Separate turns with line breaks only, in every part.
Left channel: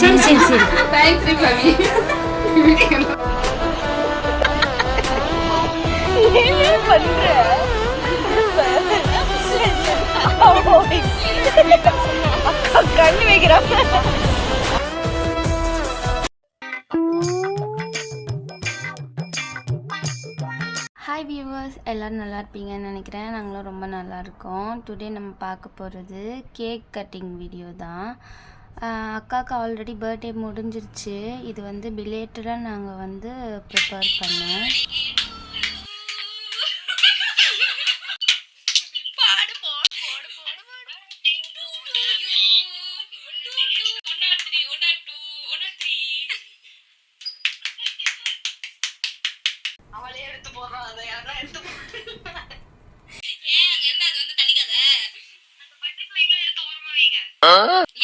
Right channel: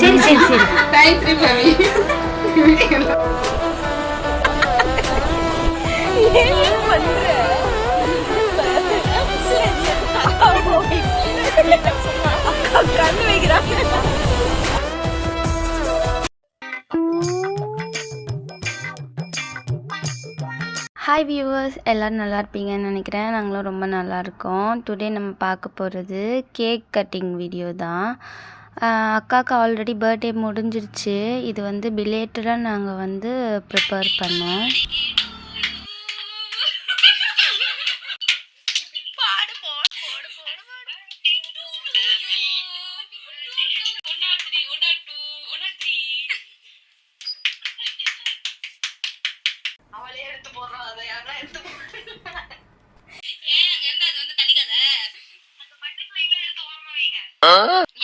சரி சரி சரி.
தேங்க்ஸ்
கண்ணு வைக்கிறான்
ஹாய் வியூவர்ஸ் எல்லோரும் நல்லா இருப்பீங்கன்னு நினைக்கிறேன். நாங்களும் ரொம்ப நல்லா இருக்கோம். டுடே நம்ம பார்க்க போகிறது கேக் கட்டிங் வீடியோ தான். அக்காவுக்கு ஆல்ரெடி பர்த்டே முடிஞ்சிருச்சு. இது வந்து பிலேட்டடாக நாங்கள் வந்து ப்ரிப்பேர் பண்ணோம்.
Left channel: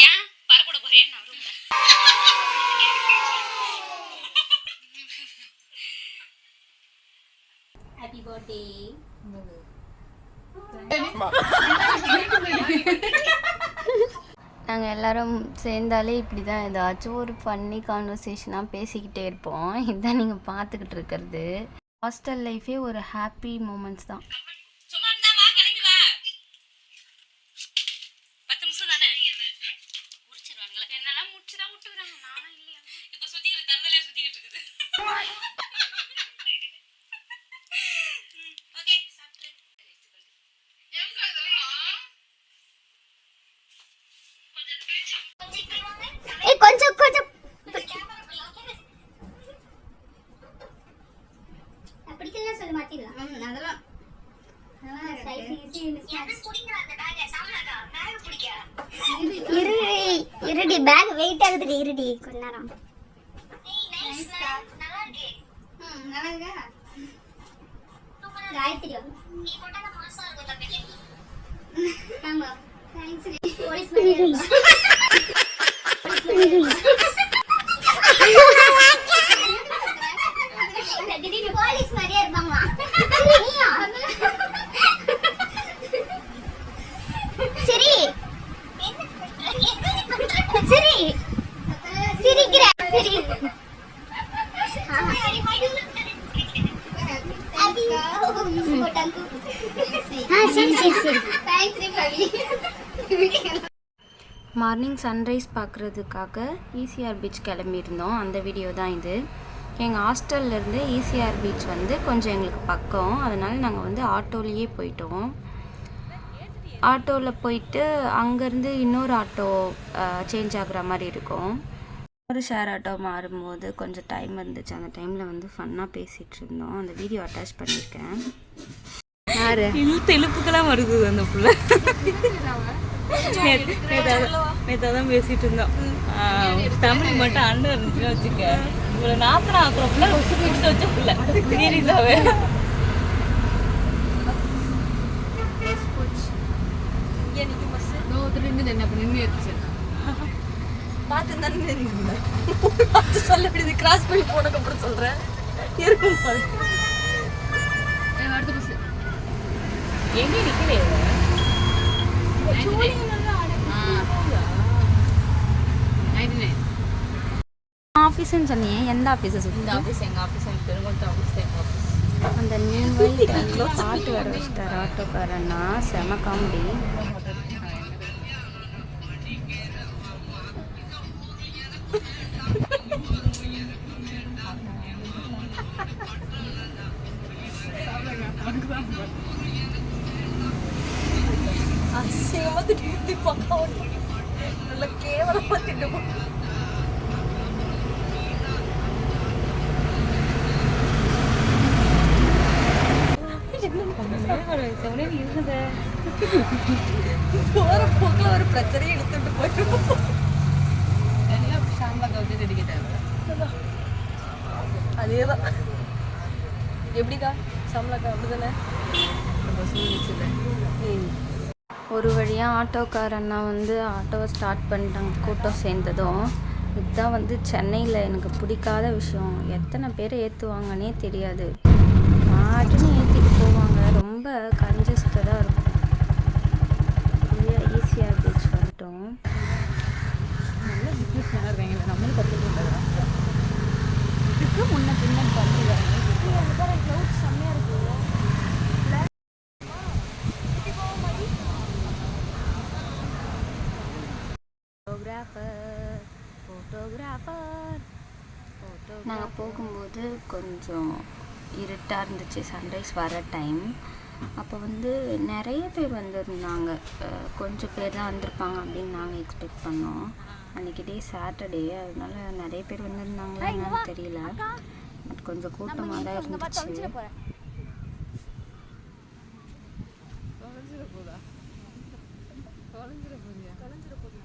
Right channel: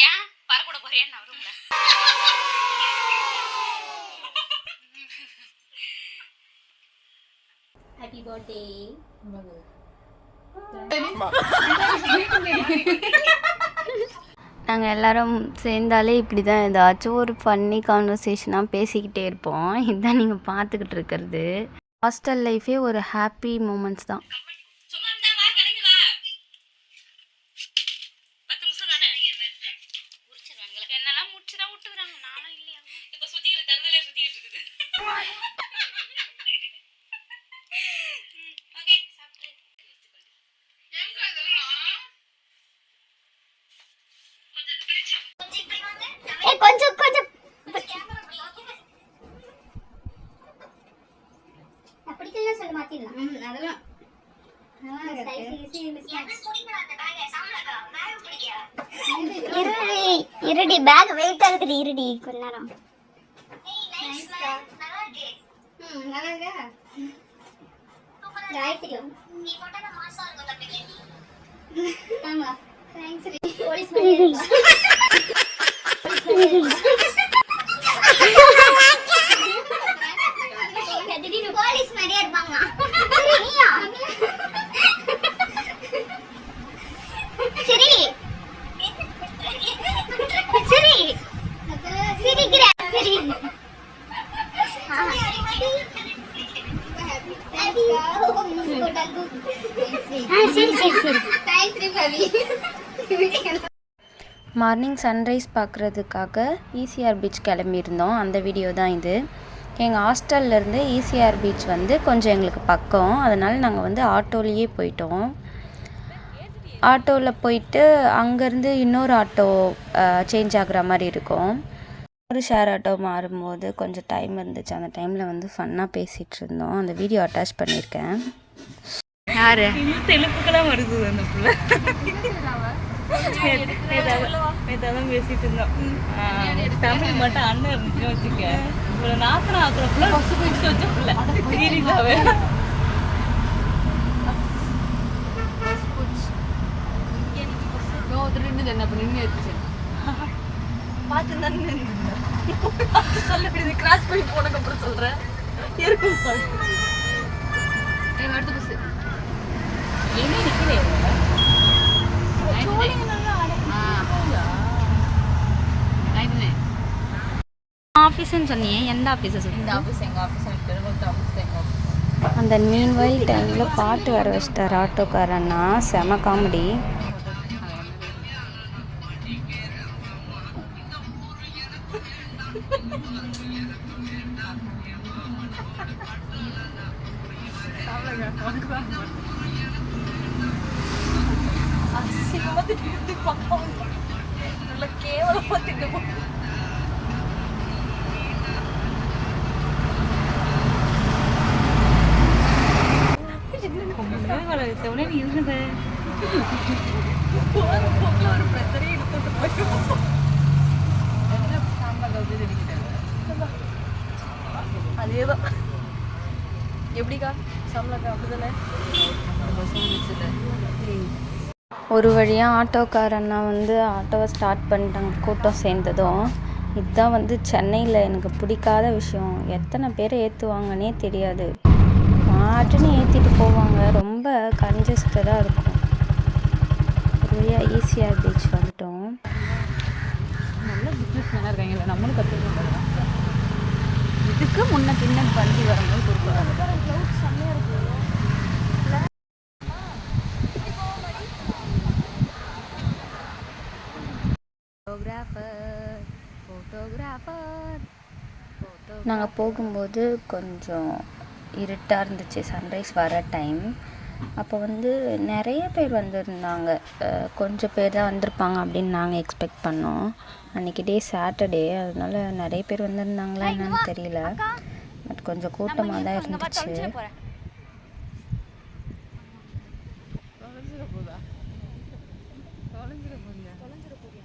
ஏன் பறக்கூட போறியா நான் ரூம்ல ஹாப்பி பர்த்டே
நாங்கள் எல்லாரும் சேர்ந்தாலே இப்படி தான் ஏதாச்சும் ஒரு ஃபன்னி கான்வர்சேஷனாக பேசிக்கிட்டே இருப்போம். இதுதான் நீங்கள் பார்த்துக்கிட்டு இருக்கிறது. ஹாஸ்டல் லைஃபே ஒரு ஹாப்பி மூமெண்ட்ஸ் தான்.
என்னெல்லாம் முடிச்சுதான் விட்டுக்கிறாங்க. நானும் இல்லையா?
இப்ப சுத்திட்டு தருதலே சுத்திட்டு இருக்குது ஓகே சாப்பிட்டு
ஏய் கொஞ்சம் கொஞ்சம் பிடிக்கல சொல்ல மாத்திடலாம். அதெல்லாம். இருடி இருடி. பேக் வெயிட் ஆகுதுடி இருடி. கொஞ்ச நேரம். காயத்ரி. ஆமா. தேங்க்ஸ் போலீஸ் மாதிரியே இருப்பாங்க நீயா சரி சரி
சிரிக்கிற சரி
சரி சரி சரி
மார்னிங் சன்ரைஸ் பார்க்குறதுக்காக ஈசிஆர் பீச் கிளம்பியிருந்தோம். அந்த வீடியோ தான் இது. எங்கள் ஹாஸ்டல்லேருந்து ஈசிஆர் பீச் வந்து கொஞ்சம் எங்களுக்கு பக்கம். அதனால் நாங்கள் வந்து ஆட்டோலேயே போயிட்டோம். ஆட்டோவில் போயிட்டு அங்கேருந்து இன்னொரு ஆட்டோ சேஞ்ச் ஆகுற மாதிரி இருக்கும். ஒரு ஷேர் ஆட்டோ மாறும்போது கொஞ்சம் டைம் இருந்துச்சு. அந்த டைமில் வந்து ஃபன்னாக பேசிகிட்டு இருந்தோம். அந்த வீடியோ அட்டாச் பண்ணியிருக்கேன்.
யார்? தெலுப்புக்கெல்லாம் வருது அந்த புள்ள.
நேற்று
தான் பேசிட்டு இருந்தோம். தமிழ் மட்டும் அண்ணன் இருந்துச்சுன்னு வச்சுக்க. ஒரு நாற்பது ஆக்குறப்புல குடிச்சு வச்ச புள்ள சீரியஸாவே
கிராஸ் பண்ணி போனதுக்கு அப்புறம் சொல்றேன். இருக்கும்.
எங்கே நிக்கலையே
ஆஃபீஸுன்னு சொன்னியே எந்த ஆஃபீஸை இந்த
ஆஃபீஸ் எங்கள்
ஆஃபீஸ் எனக்கு ஆஃபீஸ் எங்கள் ஆஃபீஸ்
அந்த மீன் வயல் டைமில் பாட்டு வர வச்சிட்டார் ஆட்டோக்காரன்னா செம காமெடி.
உள்ள கேவலமாக திட்டு போ. ஒரு பிரச்சனையை எடுத்துட்டு போயிட்டு அதேதான். எப்படிக்கா? சம்பளக்கா அப்படிதானே?
ஒரு வழியாக ஆட்டோக்காரண்ணா வந்து ஆட்டோவை ஸ்டார்ட் பண்ணிட்டாங்க கூட்டம் சேர்ந்ததும். இதுதான் வந்து சென்னையில் எனக்கு பிடிக்காத விஷயம். எத்தனை பேர் ஏற்றுவாங்கன்னே தெரியாது. பாட்டுன்னு ஏற்றிட்டு போவாங்க. ரொம்ப கன்ஜஸ்டடாக இருக்கும். நிறையா ஈஸியாக பீச் வந்துட்டோம்.
நல்ல இதுக்கு முன்ன பின்ன பண்ணி வரணும்
செம்மையாக இருக்குது ஃபோட்டோகிராஃபர்
நாங்கள் போகும்போது கொஞ்சம் இருட்டாக இருந்துச்சு. சன்ரைஸ் வர டைம் அப்போ வந்து நிறைய பேர் வந்திருந்தாங்க. கொஞ்சம் பேர் தான் வந்திருப்பாங்க அப்படின்னு நாங்கள் எக்ஸ்பெக்ட் பண்ணோம். அன்றைக்கி டே சாட்டர்டே அதனால நிறைய பேர் வந்திருந்தாங்களா என்னன்னு தெரியல. பட் கொஞ்சம் கூட்டமாக தான் இருந்துச்சு.
தொலைஞ்சிட போதா? தொலைஞ்சிட போறியா தொலைஞ்சிட போறியா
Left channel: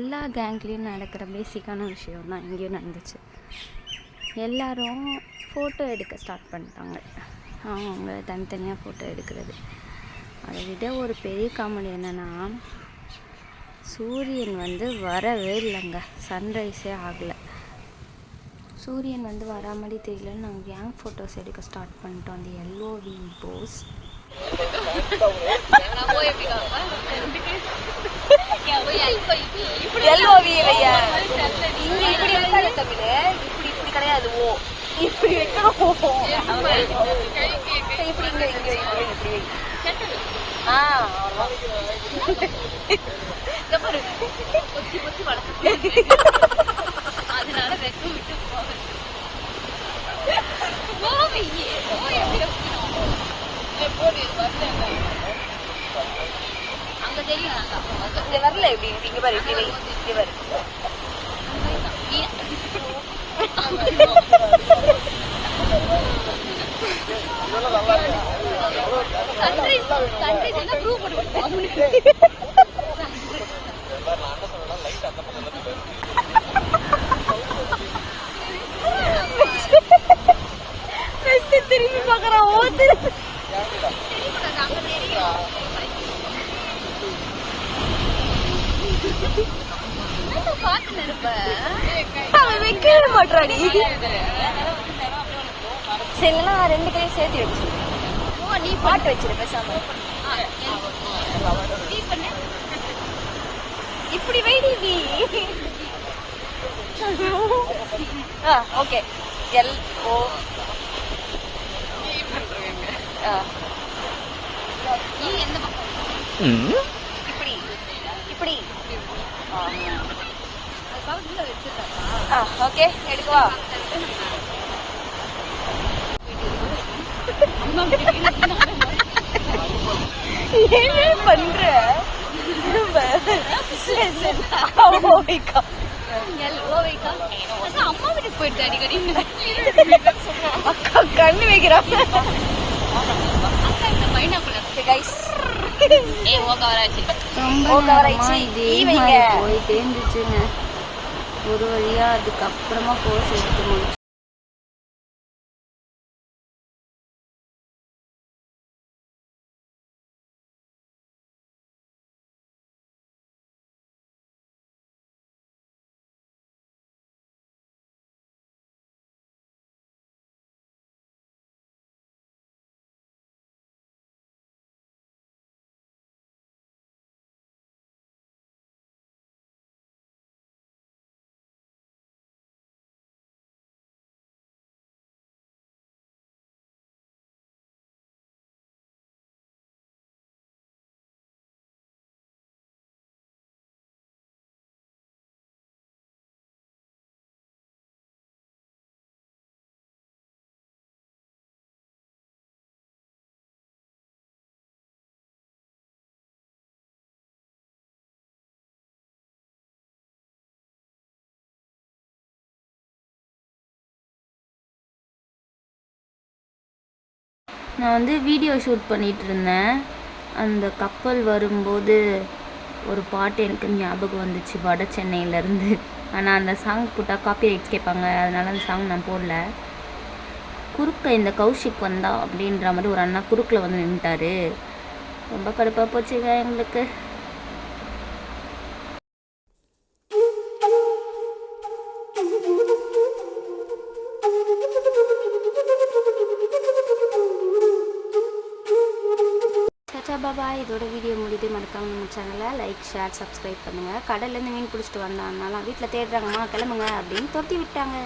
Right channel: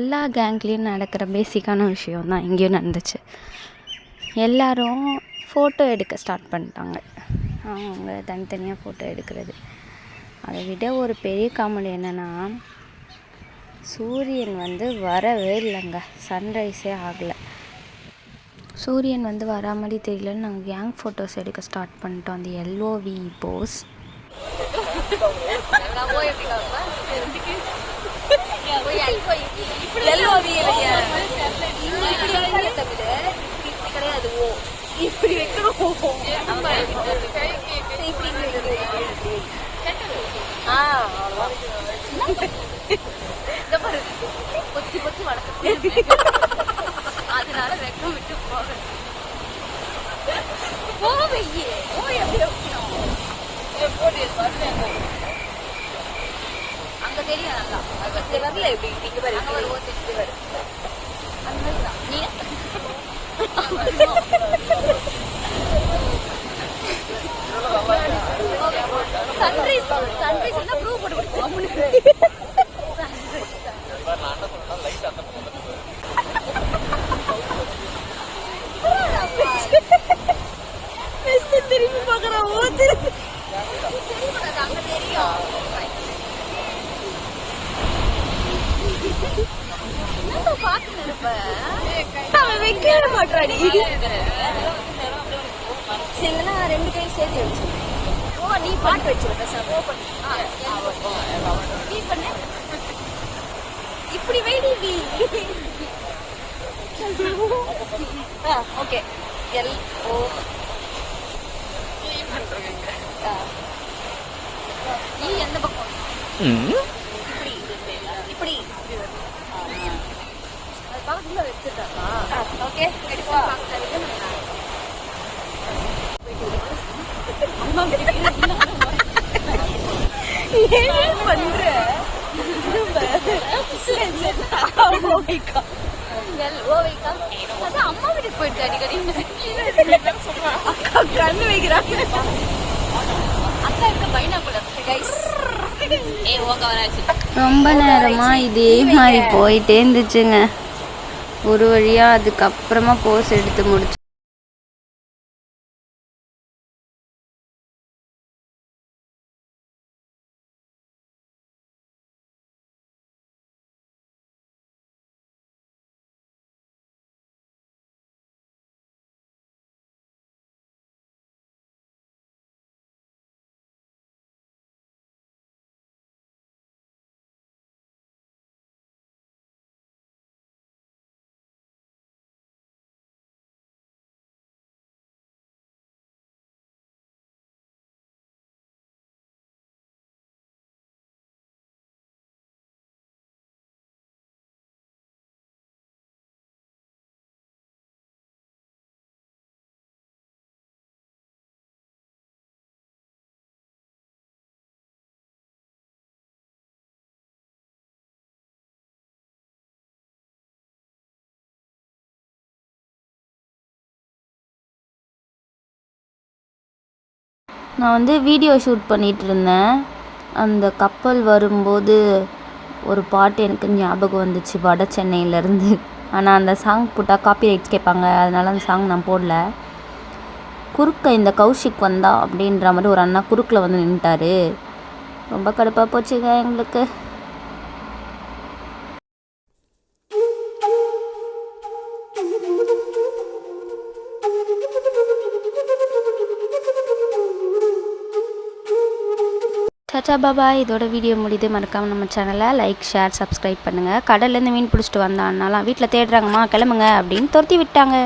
எல்லா கேங்லேயும் நடக்கிற பேசிக்கான விஷயம் தான் இங்கேயும் நடந்துச்சு. எல்லோரும் ஃபோட்டோ எடுக்க ஸ்டார்ட் பண்ணிட்டாங்க. அவங்க தனித்தனியாக ஃபோட்டோ எடுக்கிறது. அதை விட ஒரு பெரிய காமெடி என்னென்னா சூரியன் வந்து வரவே இல்லைங்க. சன்ரைஸே ஆகலை. சூரியன் வந்து வரா மாதிரி தெரியலன்னு நாங்கள் கேங் ஃபோட்டோஸ் எடுக்க ஸ்டார்ட் பண்ணிட்டோம். அந்த எல்ஓவி போஸ்
இப்படி இருக்காது
தமிழ் இப்படி இப்படி கிடையாது ஓ இப்படி வைக்கிறோம் இப்படி இங்க இங்க இப்படி ஆ அவ்வளோதான்
கொத்தி கொத்தி வளர்த்து அதனால வெக்கம் விட்டு போகணும் போவையே போய் எப்படி வைக்கணும்
போடு வந்தேன்
அங்க தெரியும் நல்லா இங்க வரல
எப்படி? இங்க பாரு இங்க பாரு இங்க பாரு
அந்த மாதிரி
திரும்பி பாக்குறான் ஓ திரும்பி சரிங்களா ரெண்டு பேரும் சேர்த்து எடுத்து
ஓ நீ பாட்டு
வச்சிரு பேசாம இப்படி வைடி ஓகே எல் ஓ நீ
எந்த பக்கம்
இப்படி. ஓகே எடுக்கவா என்ன பண்ற?
அம்மா வீட்டுக்கு போயிட்டு அடிக்கடி
அக்கா கண்ணு வைக்கிறாங்க அக்கா
ஏ ஓக
வராச்சு
ரொம்ப நேரமா இதே மாதிரி போயிட்டே இருந்துச்சுங்க. ஒரு வழியா அதுக்கப்புறமா போஸ் எடுத்து முடிச்சு நான் வந்து வீடியோ ஷூட் பண்ணிகிட்டு இருந்தேன் அந்த கப்பல் வரும்போது ஒரு பாட்டு எனக்கு ஞாபகம் வந்துச்சு வட சென்னையிலேருந்து. ஆனால் அந்த சாங் போட்டால் காப்பி ரைட்ஸ் கேட்பாங்க அதனால அந்த சாங் நான் போடல. குறுக்க இந்த கௌஷிக் வந்தா அப்படின்ற மாதிரி ஒரு அண்ணா குறுக்கில் வந்து நின்ட்டாரு ரொம்ப கடுப்பாக போச்சுங்க எங்களுக்கு. சச்சா பாபா இதோட வீடியோ முடியுது. மறக்காமல் நம்ம சேனலை லைக் ஷேர் சப்ஸ்கிரைப் பண்ணுங்கள் கடல்லேருந்து மீன் பிடிச்சிட்டு வந்தான்னாலாம் வீட்டில் தேடுறாங்கம்மா கிளம்புங்க அப்படின்னு துரத்தி விட்டாங்க.